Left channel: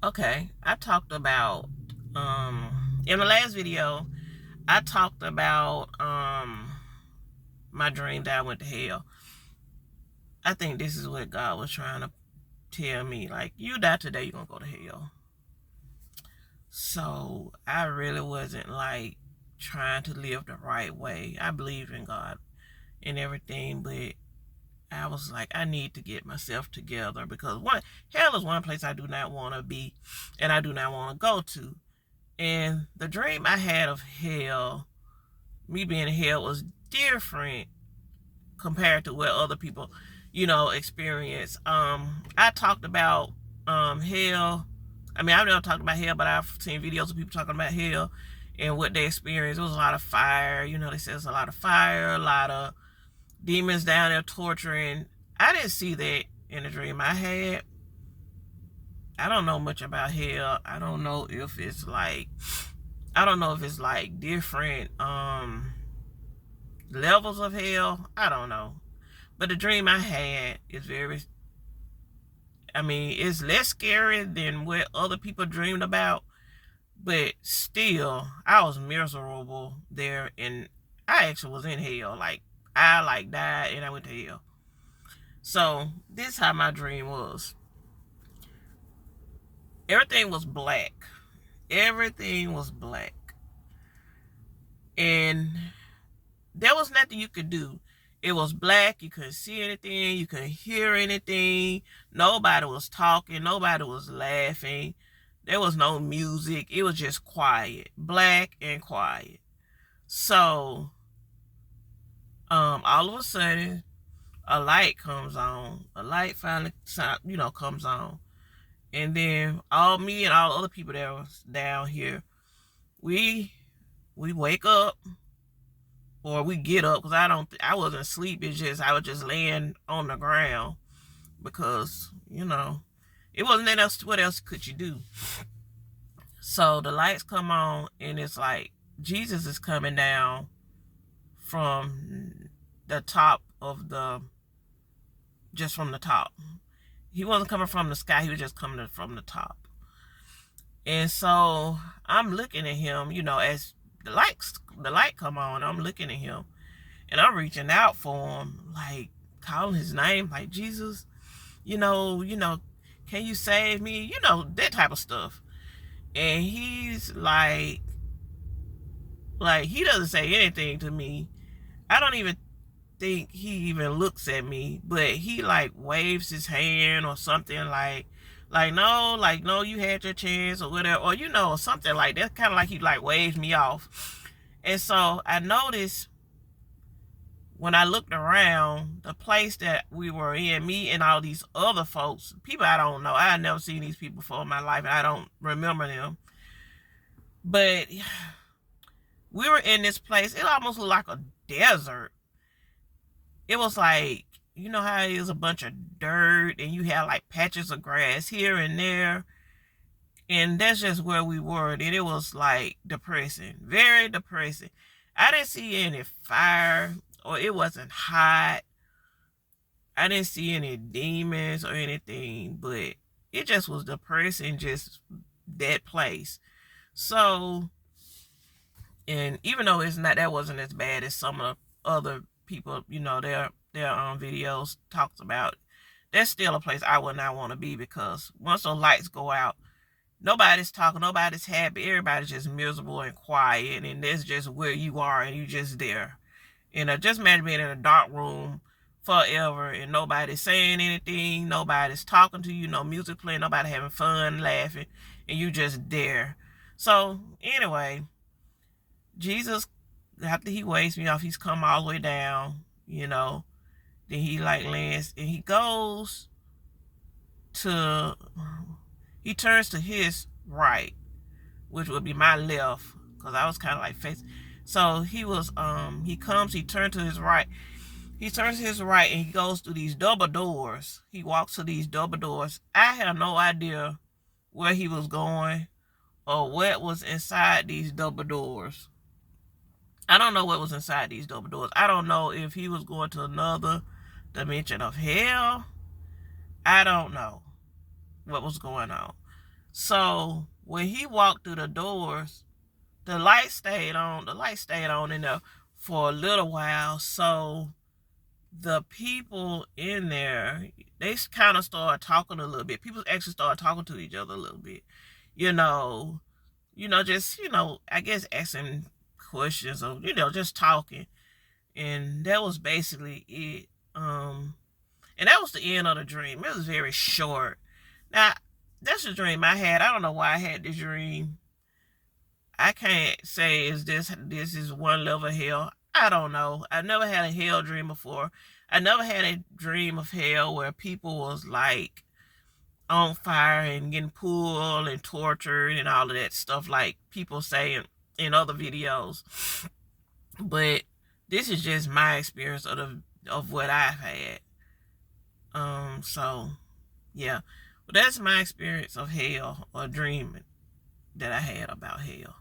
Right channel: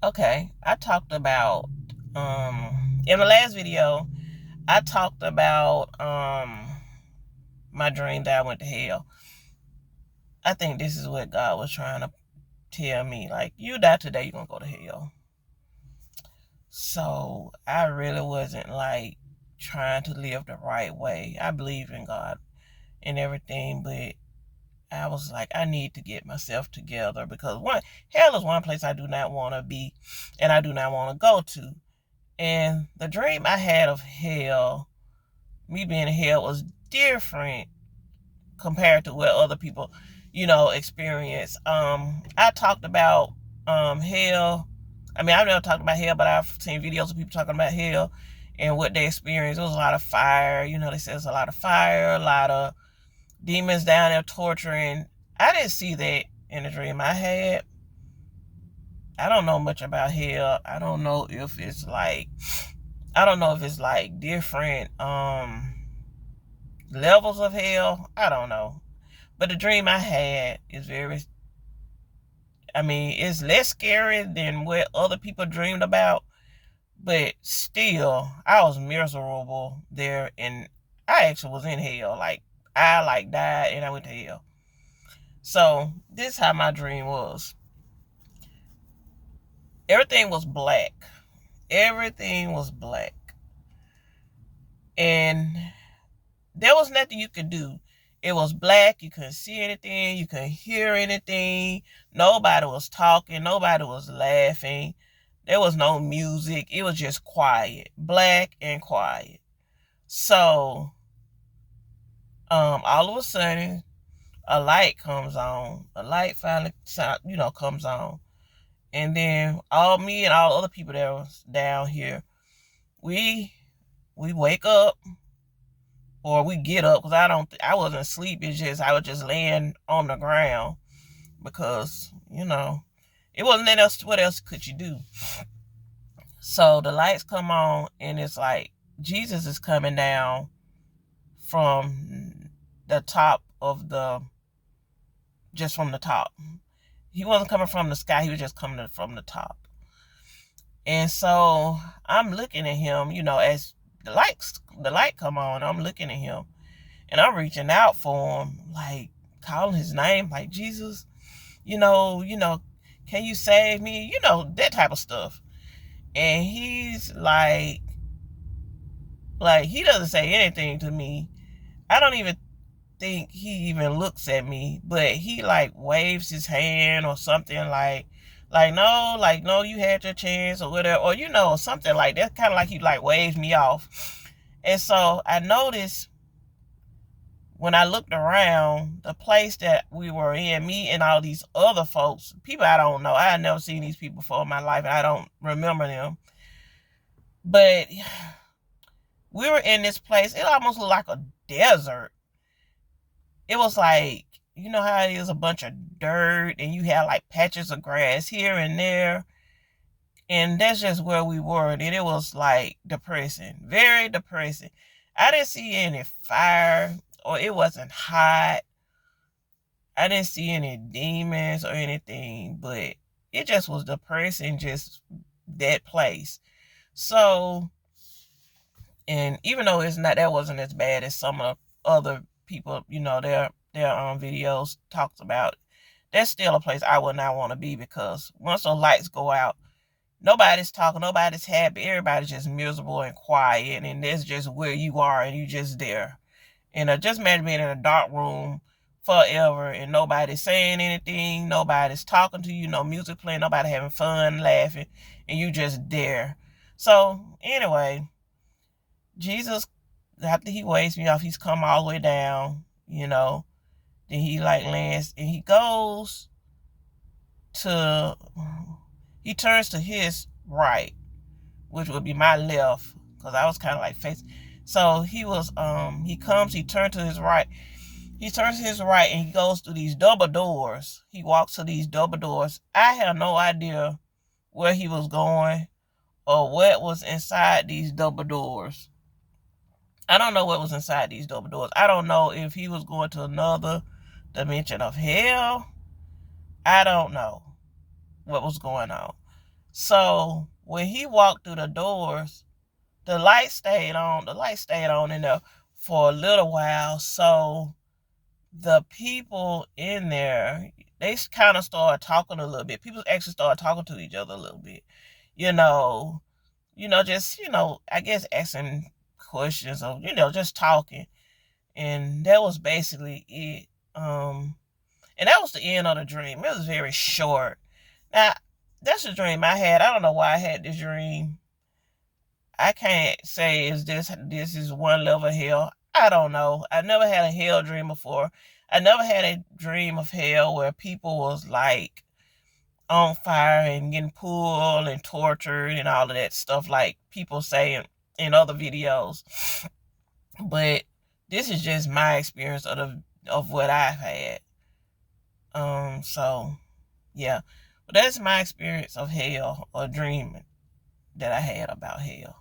Okay, I talked about in the last video, I talked about my dream that I went to hell. I think this is what God was trying to tell me. Like, you die today, you're gonna go to hell. So I really wasn't like trying to live the right way. I believe in God and everything, but I was like, I need to get myself together because hell is one place I do not want to be and I do not want to go to. And the dream I had of hell, me being in hell, was different compared to what other people, experience. I talked about hell. I mean, I've never talked about hell, but I've seen videos of people talking about hell and what they experienced. It was a lot of fire. They said it's a lot of fire, a lot of demons down there torturing. I didn't see that in the dream I had. I don't know much about hell. I don't know if it's like different levels of hell. I don't know. But the dream I had is it's less scary than what other people dreamed about. But still, I was miserable there, and I actually was in hell. Like, I died and I went to hell. So this is how my dream was. Everything was black. Everything was black. And there was nothing you could do. It was black. You couldn't see anything. You couldn't hear anything. Nobody was talking. Nobody was laughing. There was no music. It was just quiet. Black and quiet. So, all of a sudden, a light comes on. A light finally, comes on. And then me and all other people that was down here, we wake up, or we get up, because I wasn't asleep. It's just I was just laying on the ground because it wasn't that else. What else could you do? So the lights come on, and it's like Jesus is coming down from the top of just from the top. He wasn't coming from the sky. He was just coming from the top. And so I'm looking at him, as the light come on. I'm looking at him, and I'm reaching out for him, like calling his name, like, Jesus, can you save me? That type of stuff. And he's like he doesn't say anything to me. I don't even think he even looks at me, but he like waves his hand or something, no, you had your chance, or whatever, or something like that. Kind of like he like waves me off. And so I noticed, when I looked around the place that we were in, me and all these other folks, people I don't know. I had never seen these people before in my life, and I don't remember them. But we were in this place. It almost looked like a desert. It was like, you know how it is, a bunch of dirt, and you have like patches of grass here and there. And that's just where we were. And it was like depressing, very depressing. I didn't see any fire, or it wasn't hot. I didn't see any demons or anything, but it just was depressing, just that place. So, and even though that wasn't as bad as some of other people, their videos talks about, that's still a place I would not want to be, because once those lights go out, nobody's talking, nobody's happy, everybody's just miserable and quiet, and that's just where you are, and you just there. And just imagine being in a dark room forever, and nobody's saying anything, nobody's talking to you, no music playing, nobody having fun, laughing, and you just there. So anyway, Jesus, after he waves me off, he's come all the way down, then he like lands, and he turns to his right, which would be my left, because I was kind of like facing. So he turned to his right. He turns to his right, and he goes through these double doors. He walks to these double doors. I have no idea where he was going or what was inside these double doors. I don't know what was inside these double doors. I don't know if he was going to another dimension of hell. I don't know what was going on. So when he walked through the doors, the light stayed on. The light stayed on in there for a little while. So the people in there, they kind of started talking a little bit. People actually started talking to each other a little bit. Just, I guess asking questions or, just talking. And that was basically it. And that was the end of the dream. It was very short. Now, that's a dream I had. I don't know why I had this dream. I can't say this is one level of hell. I don't know. I never had a hell dream before. I never had a dream of hell where people was like on fire and getting pulled and tortured and all of that stuff like people say in other videos. But this is just my experience of what I've had. So yeah. But that's my experience of hell or dreaming that I had about hell.